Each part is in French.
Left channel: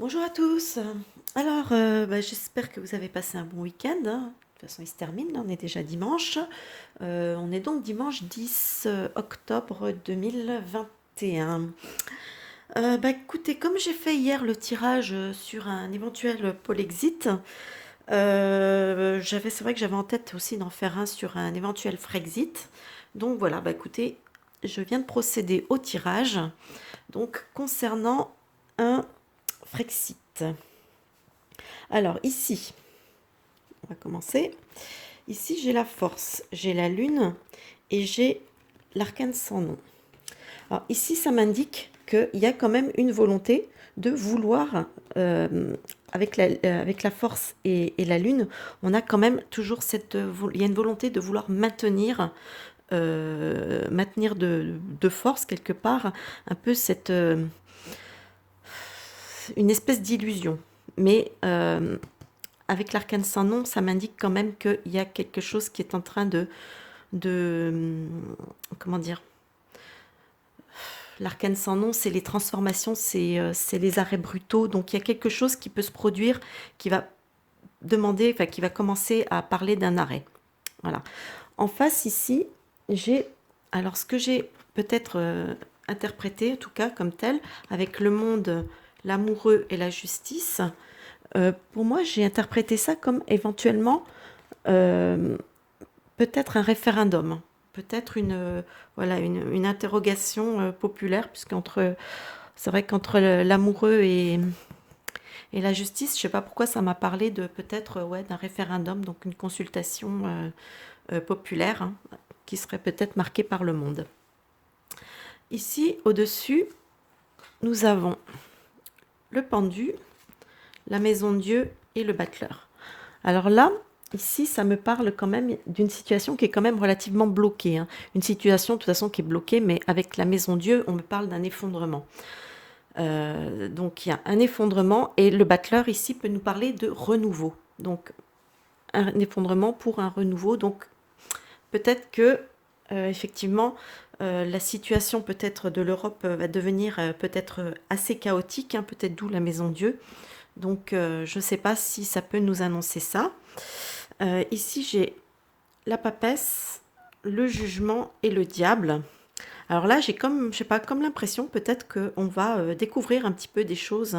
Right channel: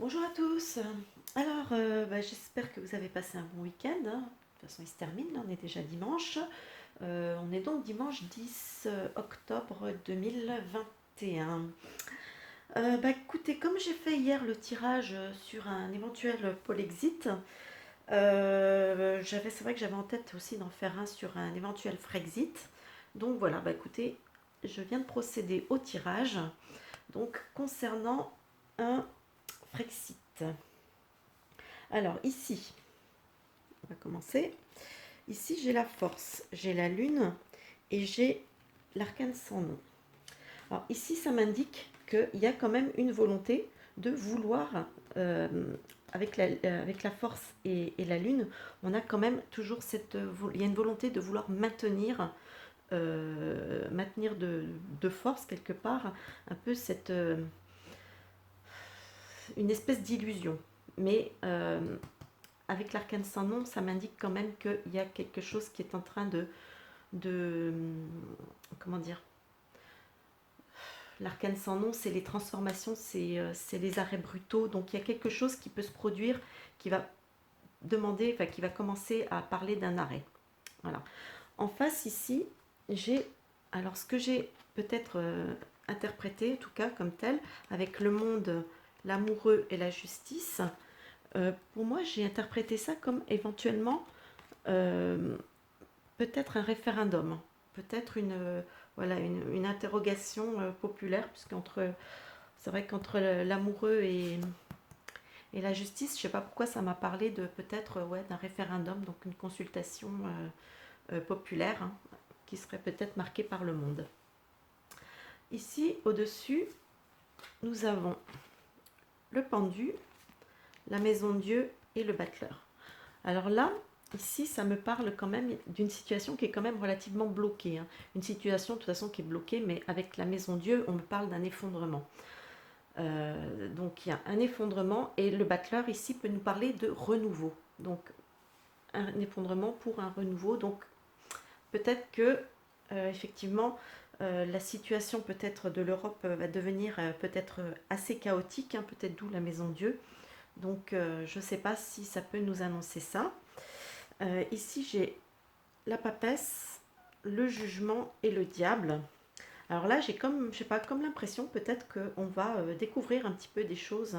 Bonjour à tous. Alors, j'espère que vous avez passé un bon week-end, hein. De toute façon, il se termine, là, on est déjà dimanche. On est donc dimanche 10 octobre 2021. Écoutez, comme j'ai fait hier le tirage sur un éventuel Polexit, c'est vrai que j'avais en tête aussi d'en faire un sur un éventuel Frexit. Donc voilà, écoutez, je viens de procéder au tirage. Donc concernant un Frexit. Alors ici, on va commencer. Ici, j'ai la force, j'ai la lune et j'ai l'arcane sans nom. Alors ici, ça m'indique qu'il y a quand même une volonté de vouloir, avec la force et la lune, on a quand même toujours il y a une volonté de vouloir maintenir de force quelque part, un peu une espèce d'illusion. Mais avec l'arcane sans nom, ça m'indique quand même qu'il y a quelque chose qui est en train de comment dire, l'arcane sans nom, c'est les transformations, c'est les arrêts brutaux. Donc il y a quelque chose qui peut se produire, qui va qui va commencer à parler d'un arrêt. Voilà. En face ici, j'ai, alors ce que j'ai peut-être interprété, en tout cas comme tel, avec le monde, l'amoureux et la justice. Pour moi, j'ai interprété ça comme éventuellement euh, peut-être un référendum, peut-être voilà, une interrogation populaire, c'est vrai qu'entre l'amoureux et la justice, je ne sais pas pourquoi ça m'a parlé de peut-être ouais, d'un référendum, donc une consultation populaire, hein, qui serait peut-être marquée par le monde. Ici, au-dessus, nous avons le pendu, la maison de Dieu et le battleur. Alors là, ici, ça me parle quand même d'une situation qui est quand même relativement bloquée, hein. Une situation, de toute façon, qui est bloquée, mais avec la maison Dieu, on me parle d'un effondrement. Donc, il y a un effondrement, et le battleur, ici, peut nous parler de renouveau. Donc, un effondrement pour un renouveau. Donc, peut-être que, effectivement, la situation peut-être de l'Europe va devenir peut-être assez chaotique, hein, peut-être d'où la maison Dieu. Donc, je ne sais pas si ça peut nous annoncer ça. Ici, j'ai la papesse, le jugement et le diable. Alors là, j'ai comme, je sais pas, comme l'impression peut-être qu'on va découvrir un petit peu des choses,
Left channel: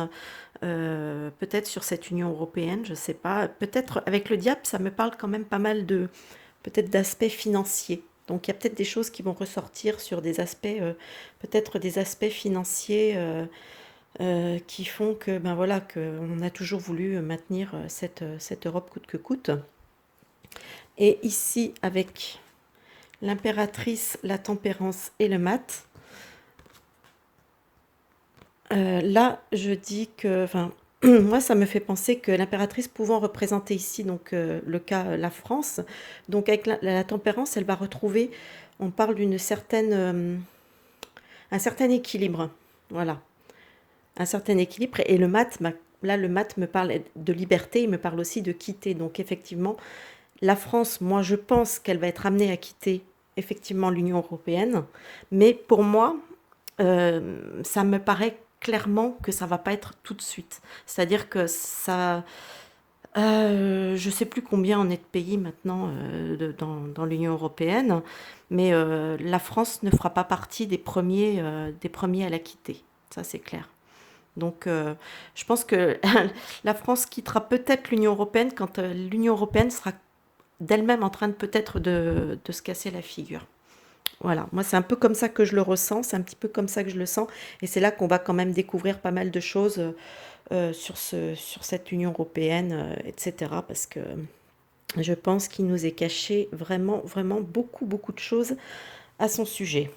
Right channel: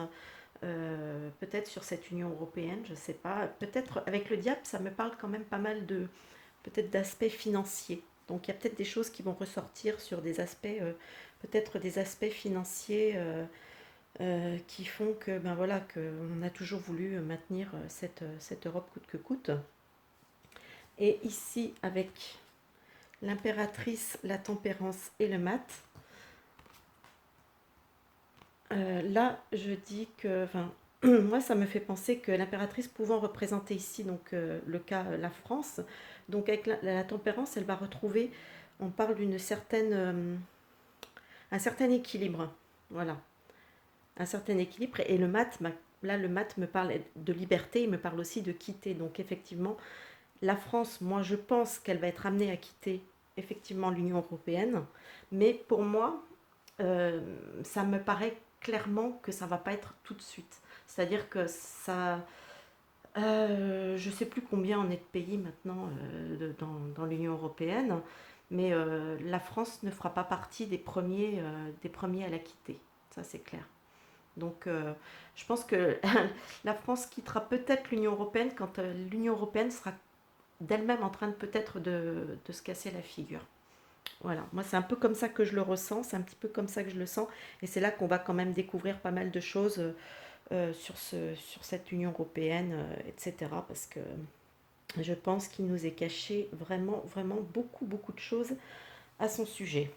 peut-être sur cette Union européenne, je sais pas. Peut-être avec le diable, ça me parle quand même pas mal peut-être d'aspects financiers. Donc il y a peut-être des choses qui vont ressortir sur des aspects, peut-être des aspects financiers qui font que, ben voilà, qu'on a toujours voulu maintenir cette Europe coûte que coûte. Et ici, avec l'impératrice, la tempérance et le mat, là, je dis que, enfin, moi, ça me fait penser que l'impératrice pouvant représenter ici, donc le cas, la France, donc avec la tempérance, elle va retrouver, on parle un certain équilibre, voilà, un certain équilibre. Et le mat, là, le mat me parle de liberté, il me parle aussi de quitter. Donc effectivement, la France, moi, je pense qu'elle va être amenée à quitter effectivement l'Union européenne, mais pour moi, ça me paraît clairement que ça va pas être tout de suite. C'est-à-dire que ça, je sais plus combien on est de pays maintenant dans l'Union européenne, mais la France ne fera pas partie des premiers à la quitter. Ça, c'est clair. Donc, je pense que la France quittera peut-être l'Union européenne quand l'Union européenne sera d'elle-même en train de peut-être de se casser la figure. Voilà, moi c'est un peu comme ça que je le ressens, c'est un petit peu comme ça que je le sens, et c'est là qu'on va quand même découvrir pas mal de choses sur cette Union européenne, etc. Parce que je pense qu'il nous est caché vraiment, vraiment beaucoup, beaucoup de choses à son sujet.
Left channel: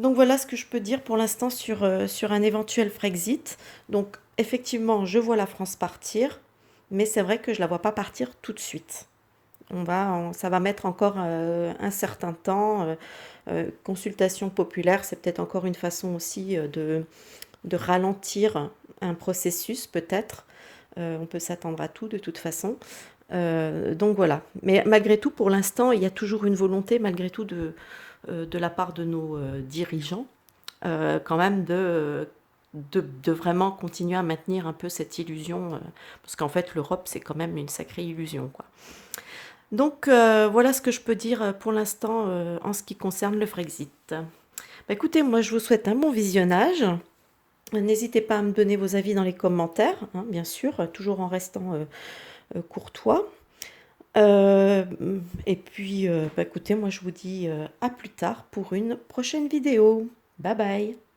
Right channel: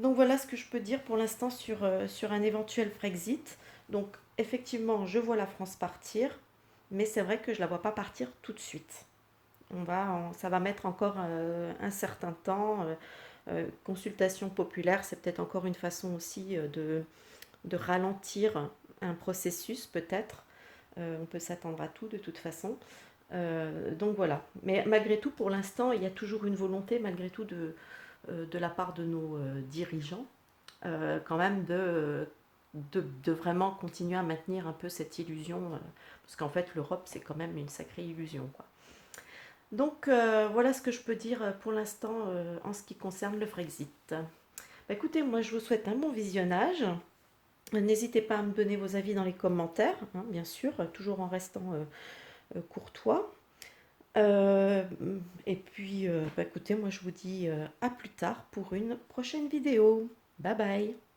Donc voilà ce que je peux dire pour l'instant sur un éventuel Frexit. Donc effectivement, je vois la France partir, mais c'est vrai que je ne la vois pas partir tout de suite. Ça va mettre encore un certain temps. Consultation populaire, c'est peut-être encore une façon aussi de ralentir un processus, peut-être. On peut s'attendre à tout de toute façon. Donc voilà. Mais malgré tout, pour l'instant, il y a toujours une volonté, malgré tout, de la part de nos dirigeants, quand même de vraiment continuer à maintenir un peu cette illusion, parce qu'en fait l'Europe c'est quand même une sacrée illusion, quoi. Donc voilà ce que je peux dire pour l'instant en ce qui concerne le Frexit. Bah, écoutez, moi je vous souhaite un bon visionnage. N'hésitez pas à me donner vos avis dans les commentaires, hein, bien sûr, toujours en restant courtois. Euh, et puis, bah, écoutez, moi je vous dis à plus tard pour une prochaine vidéo. Bye bye.